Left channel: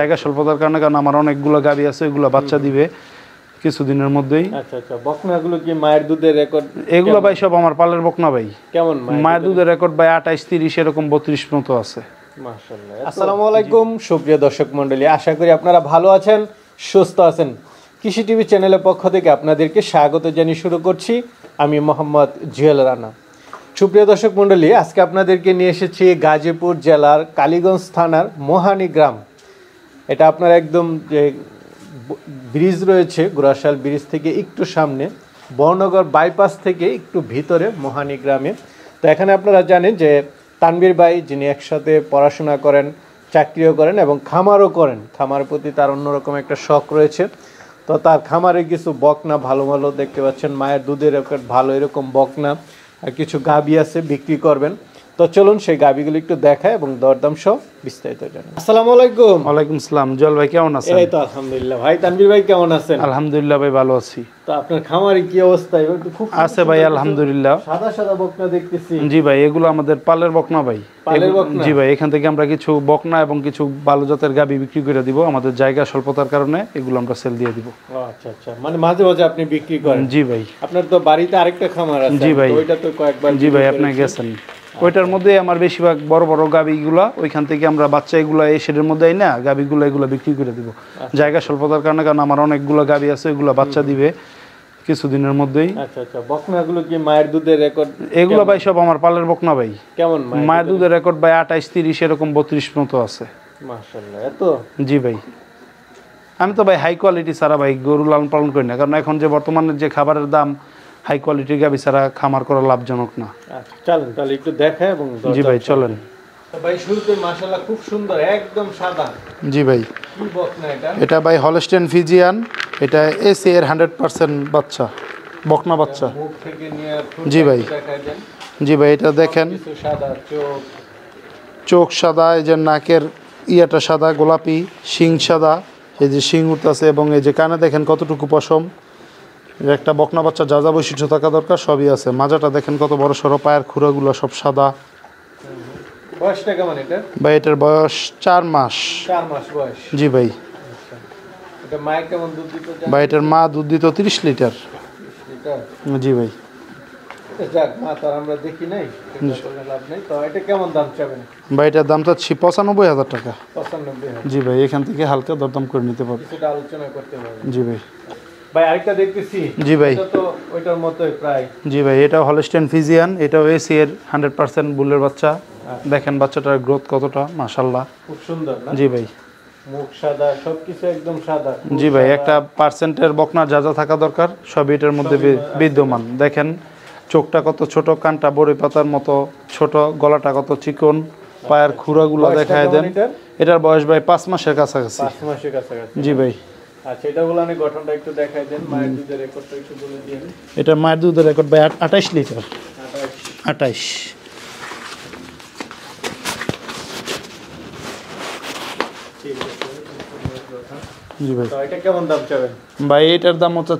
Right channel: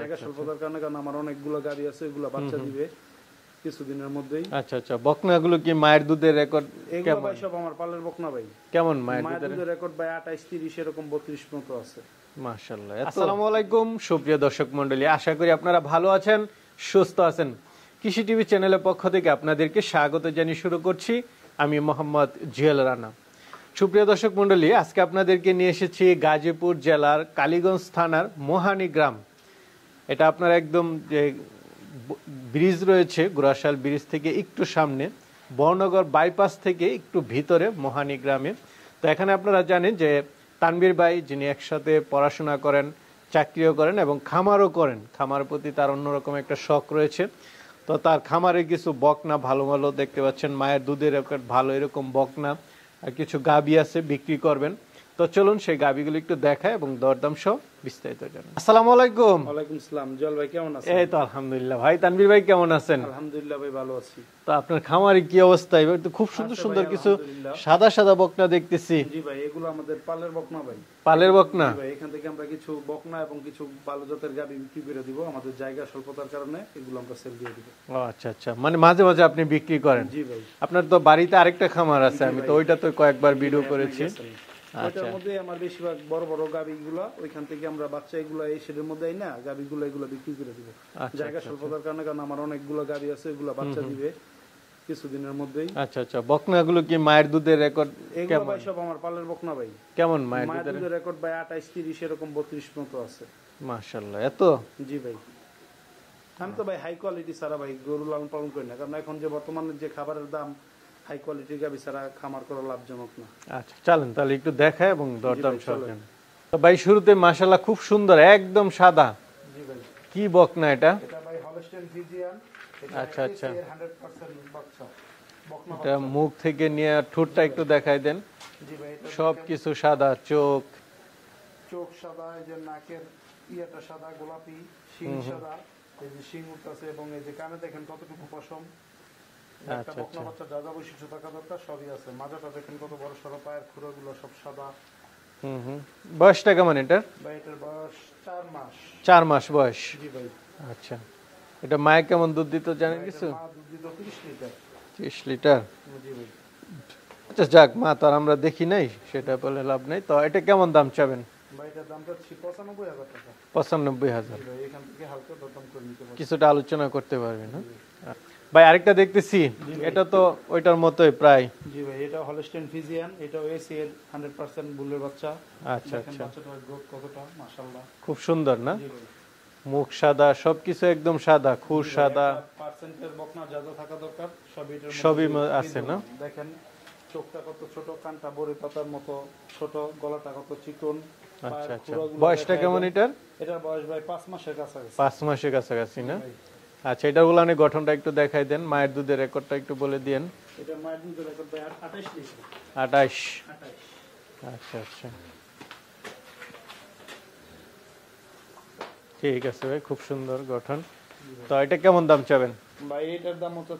জায়গা স্বল্পতার কারণে, কারণ আমার অনেকগুলো গাভী আছে, ওইগুলো বাচ্চা দিবে কিছুদিনের মধ্যেই। আচ্ছা আচ্ছা, বকনাগুলো কি মায়ের দুধের রেকর্ড? এগুলো ভাই সব আমার পালের বকনা ভাই। কেমন মায়ের দুধের রেকর্ড ভাই 28-30 এরকম 32 মতো আছে। মাশাআল্লাহ। আসসালামু আলাইকুম সুপ্রিয় দর্শক মণ্ডলী, আশা করি আপনারা ভালো আছেন, সুস্থ আছেন। কৃষি টিভি চ্যানেলের পক্ষ থেকে আপনাদেরকে স্বাগত জানিয়ে শুরু করছি আমি মোহাম্মদ জুয়েল রানা। সুপ্রিয় দর্শক মণ্ডলী, আজকে আপনাদেরকে নিয়ে এসেছি গাজীপুর জেলার কালীগঞ্জ থানার মোহানি গ্রাম। এটা আপনার একদম যে ব্রিজ রয়েছে, গুরাশাল ব্রিজ থেকে একটু সামনে, বর্ণগর বাইপাস থেকে একটু ভিতরে মোহানি গ্রামে। তো এখানে আপনারা জানেন যে তানবীর ভাই, যিনি একসাথে পড়াশোনা করেন, চাকরিও করেন এবং খামারও করেন, খামার প্রতি তার অন্যরকম একটা শখ রয়েছে। তো তার খামারে কিছু বকনা ভালো ভালো দেখতে পাচ্ছেন, মায়ের দুধের রেকর্ড ভালো এরকম বকনা আর কিছু গাভী আছে বিক্রি করবেন। তো চলুন সেই গাভীগুলো একটু দেখায় এবং দরদাম সহ বিস্তারিত জানাই। আসসালামু আলাইকুম। ওয়ালাইকুম আসসালাম। জল ভাই কেমন আছেন? এই তো আলহামদুলিল্লাহ। ভাই তানভীর ভাই কেমন আছেন? আলহামদুলিল্লাহ ভাই ভালো আছি। তো আপনার খামারে কি অবস্থা? এবার তো খুব আছে ভাই আলহামদুলিল্লাহ। সাদা সাদা বকনা দেখতেছি। জি ভাই, এগুলো আমাদের পালের বকনা ভাই। পালের বকনা? জি ভাই, এখান থেকে আমরা কিছু বকনা এবং কিছু ভালো জাতের গাভী বিক্রি করে দিব। আমাদের জায়গা স্বল্পতার কারণে এগুলো আমরা সেল দিয়ে দিব। ও আচ্ছা আচ্ছা, মানে মাঝে মাঝে আপনি বিক্রি করেন? জি ভাই। আপনার তো বাড়িতে আরেকটা খামার আছে। জি ভাই। তো ওইটা তো কয়েকবার। জি ভাই, আপনি গেছেন। ওইটার মধ্যে আমার বেশিরভাগ বড় বড় গাভীগুলা, ওইখান থেকে আমরা বাচ্চা এগুলা এই শেডের মধ্যে না গাভীগুলো এগুলো বিক্রি করে দিব। জায়গা স্বল্পতার কারণে, কারণ আমার অনেকগুলো গাভী আছে, এগুলো বাচ্চা দিবে কিছুদিনের মধ্যেই। আচ্ছা আচ্ছা, বকনাগুলো কি মায়ের দুধের রেকর্ড? এগুলো ভাই সব আমার পালের বকনা ভাই। কেমন মায়ের দুধের রেকর্ড ভাই 28-30 এরকম 32 মতো আছে। মাশাআল্লাহ, এত? জি ভাই। আমি তো ভাই হাই কোয়ালিটি ছাড়া ভাই গরু লালন পালন করি না, কারণ এখন যে বর্তমানে যে খাবারের দাম, হাই কোয়ালিটির গাভী ছাড়া খামার করা লাভজনক না। আচ্ছা চলেন তাহলে একটু দেখাই এবং জি ভাই চলেন। তো ভাই শুরুতে মাশাআল্লাহ খুব সুন্দর, একদম সাদা। জি ভাই। কি বকনা এটা? এটা ভাই হলস্টেইন ফ্রিজিয়ান, এটা এসি এর 100% বাচ্চা, বকনা বাচ্চা। মুখ থেকে নিয়ে জি ভাই দেখাই দেন। জি ভাই, এটা দেখেন কিছু সাদা, চোখ সাদা, এই যে নাকের ইয়াটা সাদা গোলাপি, শিং সাদা, এই যে শিং উঠতেছে, এবং এই যে কানে দেখেন কতটুকু পশম। একটা বকনা বাচ্চা যা যা বৈশিষ্ট্য থাকা দরকার সবই আছে। মাজাটা দেখেন কত বড় সড়ো, পায়ের খুঁড়াগুলো সব সাদা। বয়সটা কেমন এটা? ভাই এটার বয়স 4 মাস। 4 মাস বয়স? জি ভাই। আচ্ছা, এটা মায়ে কেমন দুধ দিত? ভাই এটার মা দুধ দিত 30 লিটার। 30 লিটার? জি ভাই। আচ্ছা যাক, মা তার আমরা দেখি নাই, সেটা বলে লাভ নাই। তো এটা কেমন দাম চাবেন? ভাই এটার দাম চাচ্ছি 95,000 টাকা। 95,000? জি ভাই, এখান থেকে হালকা দরদাম করে নিতে পারবেন, কিছুটা আলোচনা করতে পারবেন। জি ভাই। ভাই আরেকটা দেখতেছি। জি ভাই। এটা তো ওইটার মতোই প্রায়। জি ভাই, এটা হলস্টেইন ফ্রিজিয়ান, এটাও এসি এর 100% বুলের বাচ্চা। দেখেন বাচ্চাটার গ্রোথ কতটা, মাশাআল্লাহ খুব সুন্দর না? জি ভাই। মুখ সাদা, সবকিছু একদম সাদা। জি ভাই, একটা পার্সেন্টের বকনা যা যা থাকা দরকার সবই এটার মধ্যে বিদ্যমান। দেখেন চোখটা কত ছোট, কানটা বড়ি পাতার মতো ছোট, গলাটা কত চিকন, পায়ের খুঁড়াগুলো দেখায় দেন। এটার বয়স ভাই 5 মাসের কাছাকাছি। 5 মাসের কাছাকাছি? জি ভাই। আচ্ছা, এটার গুলানি গঠনটা একটু দেখাই দেন, মায়ের দুধের রেকর্ডটা একটু বলে দিয়েন। এটা মায়ের দুধের রেকর্ড ভাই 28 লিটার। 28? ঠিক আছে, খুব সুন্দর গঠন। জি ভাই। তো এটা কেমন দাম চাবেন? ভাই এটার দাম হচ্ছে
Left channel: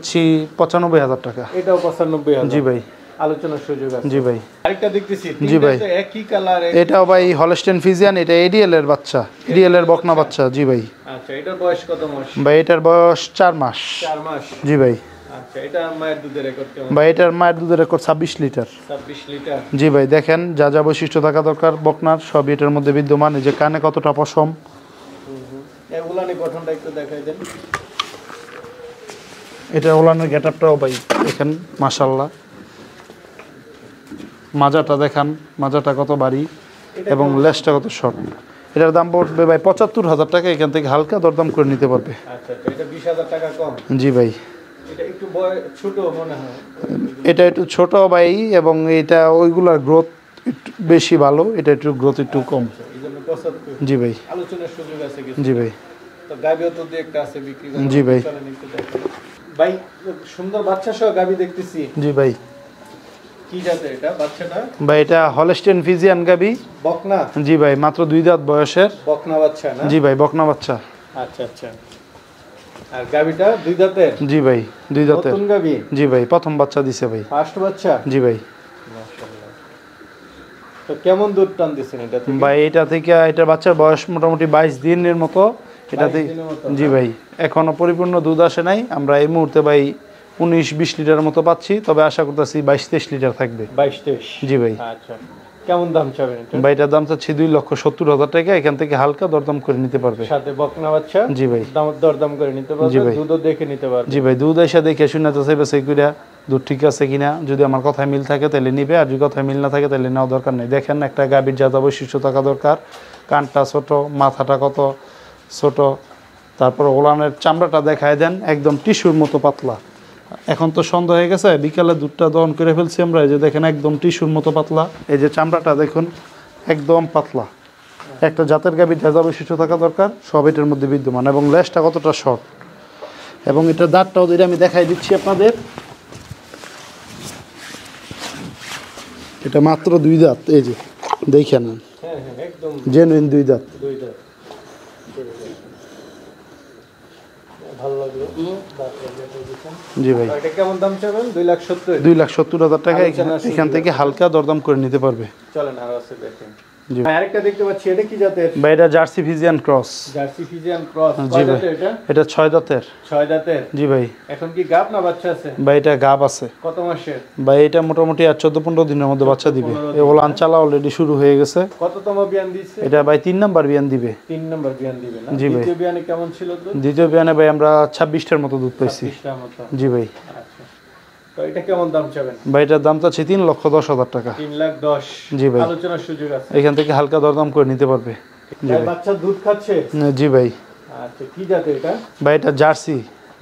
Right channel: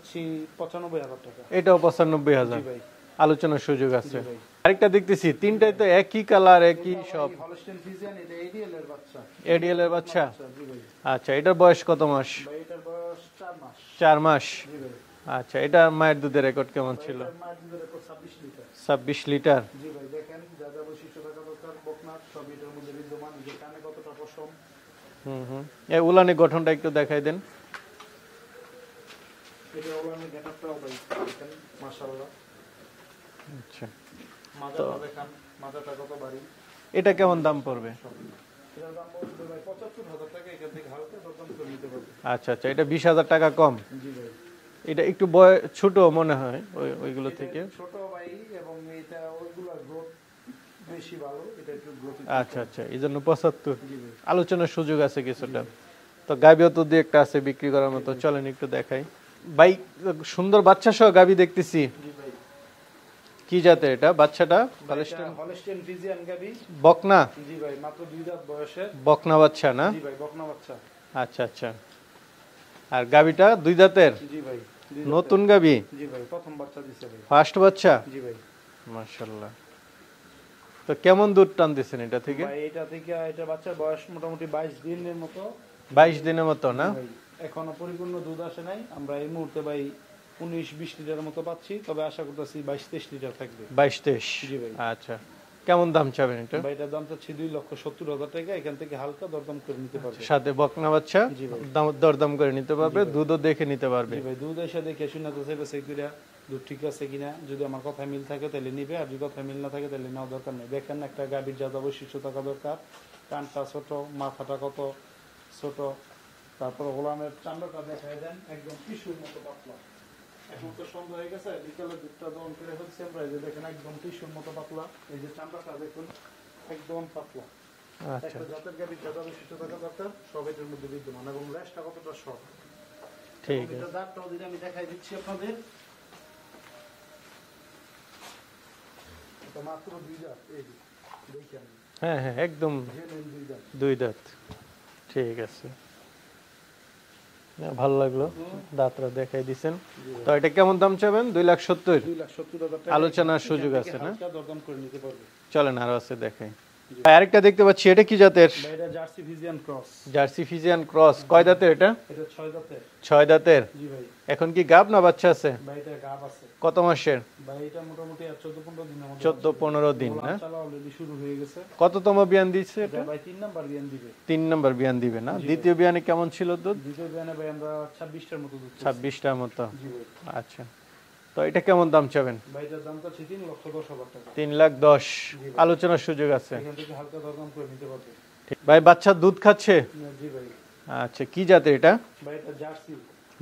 95,000 টাকা। এটাও 95,000? জি ভাই। আলোচনার সুযোগ আছে? জি ভাই। আরেকটা দেখতেছি। জি ভাই। তিনটা তো একই কালার। এটাও ভাই হলস্টেইন ফ্রিজিয়ান, এটা এডিএল এর বাচ্চা, এডিএল এর বকনা বাচ্চা। জি ভাই। আচ্ছা, এটার বয়স কত মাস? ভাই এটার বয়স 4 মাস। 4 মাস? জি ভাই। আচ্ছা, এটা মায়ের দুধের রেকর্ড কেমন? ভাই এটার মায়ের দুধের রেকর্ড 26 লিটার। 26 লিটার? জি ভাই। দেখেন যা যা বৈশিষ্ট্য থাকা দরকার বকনার সব এটার মধ্যে বিদ্যমান। এই যে কানে কতটা পশম। এই উলানি গঠনটা একটু দেখাই দেন। এটা ওলানের গেটআপটাও ভাই দেখেন মাশাআল্লাহ। মাজাটা দেখান, মাজাটা কত ভারী এবং লেজটা কত শর্ট। এটার দাম পড়বে ভাই 75,000 টাকা। এখান থেকে হালকা দরদাম করে নিতে পারবে। আচ্ছা আচ্ছা, এটা 20,000 টাকা কম? জি ভাই। এটা একটু ছোট মনে হয়। এটা একটু ছোট ভাই, এবং এটা ওইগুলার গ্রোথ একটু বেশি ভালো, এটা একটু গ্রোথ একটু কম। এইজন্য 75? জি ভাই। আলোচনার সুযোগ আছে কিছু? জি ভাই। তো গাবিও তো দুই একটা আছে বিক্রি করার? জি ভাই। চলেন একটু দেখাই। ভাই সুন্দর বাচ্চা সহ গাবি দেখতেছি। জি ভাই। কি জাতের এটা বাচ্চাটা? ভাই এটা হলস্টেইন ফ্রিজিয়ান গাবি, বকনা? জি ভাই, মাত্র 2 দাঁত বয়সের বকনা বাচ্চা না? জি ভাই, বকনা বাচ্চা। আচ্ছা আচ্ছা। আর গাবিটা 2 দাঁতের? জি ভাই, 2 দাঁতের নতুন গাবি? জি ভাই, প্রথম বাচ্চা দিছে ভাই। ফার্স্ট বাচ্চা? জি ভাই। মাশাআল্লাহ। তো কেমন দুধ টানতেছেন এটা থেকে? ভাই এটা থেকে এটার বাচ্চার বয়স মোটামুটি 22 দিনের মতো, 22 দিনের মতো জি ভাই এখনো পরিপূর্ণ দুধ আসে নাই, আমরা এই মুহূর্তে ভাই 19-20 লিটারের মতো পাচ্ছি, তবে আশা করতেছি 22-23 লিটার থাকবে। 22-23 জি ভাই। আচ্ছা, কেমন দাম চাবেন এটা? ভাই এটার দাম চাচ্ছি 2,70,000 টাকা, এখান থেকে হালকা দরদাম করে নিতে পারবে। সাথে বকনা বাচ্চা জি ভাই। দরদাম করে নিতে জি পারবে, ভাই। দুধও দেখে নিতে পারবে। জি ভাই, দুধ এসে দেখে শুনে যাচাই বাছাই কইরা দুধ ঠিক আছে কিনা, যদি আমার কথায় মিল থাকে তাহলে নিবে, আর যদি কথায় মিল না থাকে তাহলে নেওয়া দরকার নেই। দেখেন একটা গাভীর যা যা বৈশিষ্ট্য থাকা দরকার, কানটা ছোট, মাথাটা কত ছোট, তারপর ওলানের চামড়াটা দেখায় দেন, একদম টিস্যুর মতো পাতলা। এখন তো সন্ধ্যা হয়ে গেছে, বিকালে দুধটা দহন করে ফেলছি আমরা, এই যে দেখেন একদম টিস্যুর মতো পাতলা, এই যে চামড়াটা দেখুন একদম পাতলা। একটা জাতের গাভীর যা যা বৈশিষ্ট্য থাকা দরকার সব এটার মধ্যে বিদ্যমান, এবং লেজটা কতটা শর্ট, এবং এটার দাঁতটাও যদি আমি দেখাই দিচ্ছি আপনাদের, এটা মাত্র 2 দাঁত, এই যে দেখে নেন, হ্যাঁ হ্যাঁ একদম জেনুইন 2 দাঁত। 2 দাঁত। ঠিক আছে, ভালো লাগলো, দাঁতটা দেখাই দিছেন। জি ভাই। তো এটা কেমন দাম চাবেন? 2,70,000। 2,70,000 টাকা, আলোচনার সুযোগ এখান থেকে আছে। হালকা দরদাম করে নিতে পারবে। চলেন আর আছে দেখেন। জি। ভাই, আরেকটা দেখতে পাচ্ছি, এটা কি জাতের? বা এটা Jersey Friesian cross. Jersey Friesian cross. জি কয় ভাই। দাঁতের এটা? এটা 6 দাঁতের। 6 দাঁতের। জি ভাই। এখন কি গাব না বাচ্চা আছে? বা এটা গাব আছে। কত মাসের? বা এটা মোটামুটি আর 14-15 দিনের মধ্যে বাচ্চা দিবে। 14-15 এগুলো আনচালা অলরেডি শুরু হয়ে গেছে। কততম বিয়ান দিচ্ছে? এটা ভাই 3 নাম্বার বিয়ান দিবে। 3 নাম্বার বিয়ান দিবে না? জি ভাই। দ্বিতীয় বিয়ানে কেমন ছিল দুধ? দ্বিতীয় বিয়ানে ভাই আমরা 26টার মতো দুধ পাইছি। 26টার মতো। জি ভাই। আচ্ছা, তো এটা কেমন দাম চাবেন? ভাই এটার দাম চাচ্ছি 3,10,000 টাকা। 3,10,000। জি ভাই। আলোচনার সুযোগ আছে। এখান থেকে হালকা দরদাম করে নিতে পারবে। ভাই, বাচ্চা দুধ খাচ্ছে? জি ভাই। আচ্ছা, কি জাতে এটা? ভাই এটা জার্সি।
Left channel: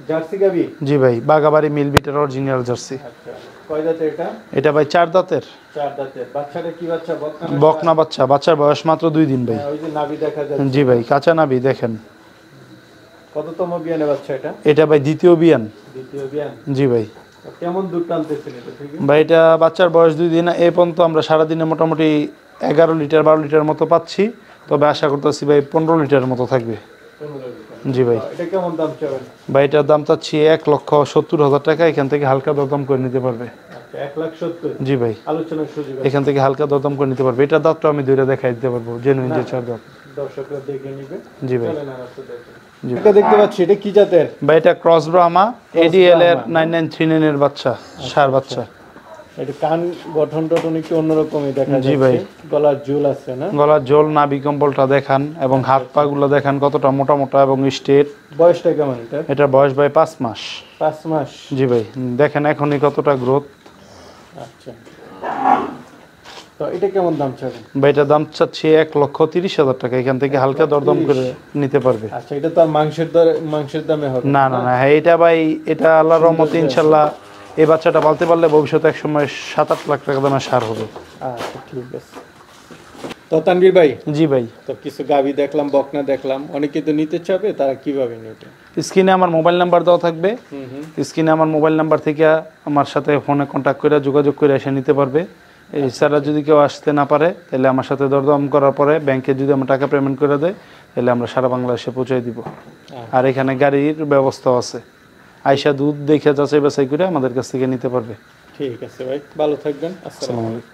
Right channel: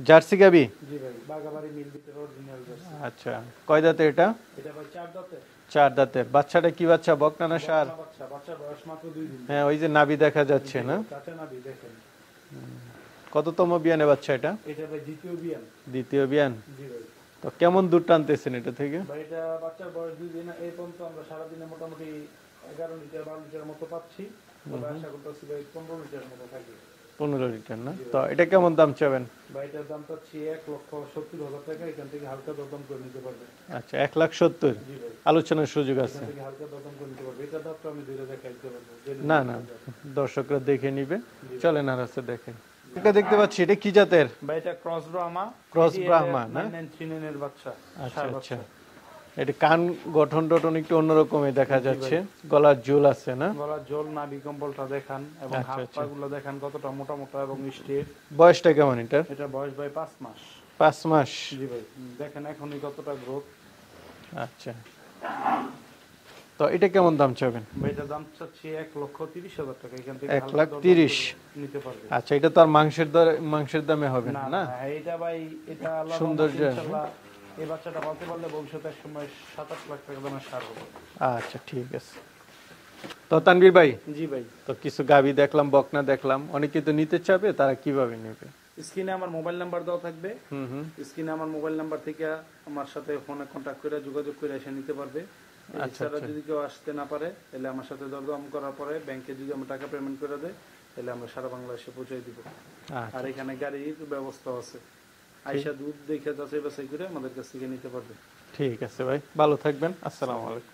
জার্সি গাবি? জি ভাই, বাগাবাড়ি মিল বিটের অরিজিনাল জার্সি। আচ্ছা, কয় দাঁতে এটা? এটা ভাই 4 দাঁতের। 4 দাঁতের। বাচ্চাটা কি বাচ্চা, বকনা না বকনা ষাঁড়? বাচ্চা, বাচ্চার বয়স মাত্র 2 দিন ভাই। হ্যাঁ, ওই যে নাভি দেখা যাচ্ছে। জি ভাই, কাঁচা নাবি দেখেন। কততম বিয়ানে বাচ্চা এটা? এটা ভাই দ্বিতীয় বিয়ান। দ্বিতীয় বিয়ান। জি ভাই। তো কেমন দুধ টানতেছেন এটা থেকে? ভাই এটা বাচ্চার বয়স 2 দিন, এই পর্যন্ত আমরা সারাদিনে মোটামুটি 11 লিটার 12 লিটার মতো পাচ্ছি, তবে আশা করতেছি ভাই 15 লিটারের মতো থাকবে। 15 লিটার। জি ভাই। তো এটা কেমন দাম চাবেন? ভাই এটার দাম চাচ্ছি 1,70,000 টাকা, এখান থেকে হালকা দরদাম করে নিতে পারবে। আচ্ছা, 1,70,000। জি ভাই। আলোচনার সুযোগ আছে। এখান থেকে হালকা দরদাম করে নিতে পারবে। এটার দাঁতটা আমি দুইটা দেখাই দিতে পারবো, জেনুইন যে 4 দাঁত। দর্শকরা দেখে নিবে। জি ভাই। চলেন আর আছে দেখেন। জি। এটা দেখতে পাচ্ছি, এটা কি জাতের? ভাই এটা ক্রস ব্রাহ্মা, এডিএল এর ব্রাহ্মা। 9939 এর বাচ্চা, ষাঁড় বাচ্চা। এটা কান গঠন টঠন একটু অন্যরকমই দেখা জি ভাই। যাচ্ছে। গলার ঝুল আছে না? গলার জল, নাভি কম্বলটা দেখান, এবং হাত পা গুলো দেখান কতটা মোটা মোটা এবং স্ট্রেট। বয়সটা কেমন এটা? এটা বয়স ভাই 5 মাস। 5 মাস। জি ভাই, দেখেন এখনই কতটা গ্রোথ। আচ্ছা, তো এটা কেমন দাম চাবেন? ভাই এটার দাম চাচ্ছি 1,30,000 টাকা, এখান থেকে হালকা দরদাম করে নিতে পারবে। আচ্ছা, এটা তো আর মাংসের দামে হবে না না না, হ্যাঁ এটা ভাই, এটা আল্লাহর রহমতে ইনশাল্লাহ এই বাচ্চাটা পালতে পারলে ভবিষ্যতে এক সময় 7-8 লাখ টাকা দামের সার হবে। আচ্ছা, ঠিক আছে। তো তানভীর ভাই, জি ভাই। তো কিছু গাভী দেখলাম, বকনা দেখলাম, অনেকে তো নিতে চাবে, তারা কিভাবে নেবে? স্ক্রিনে আমার মোবাইল নাম্বার দেওয়া থাকবে, হুম হুম। স্ক্রিনে আমার মোবাইল নাম্বার থেকে আমার সাথে ফোনে কন্ট্যাক্ট করে যোগাযোগ করে এসে নিতে পারবে। এছাড়া যদি কেউ আসতে না পারে তাহলে আমার সাথে দরদাম করার পরে ব্যাংকে যদি আমার টাকা পেমেন্ট করে দেয় তাহলে আমরা সারা বাংলাদেশে পৌঁছে দিব। আর এখানে গাড়ির ব্যবস্থাও আছে, আয়সা দুধ দেখে যাচাই বাছাই করে আমাদের কাছ থেকে নিতে পারবে। ঠিক আছে ভাই, ভালো থাকবেন। আসসালামু আলাইকুম।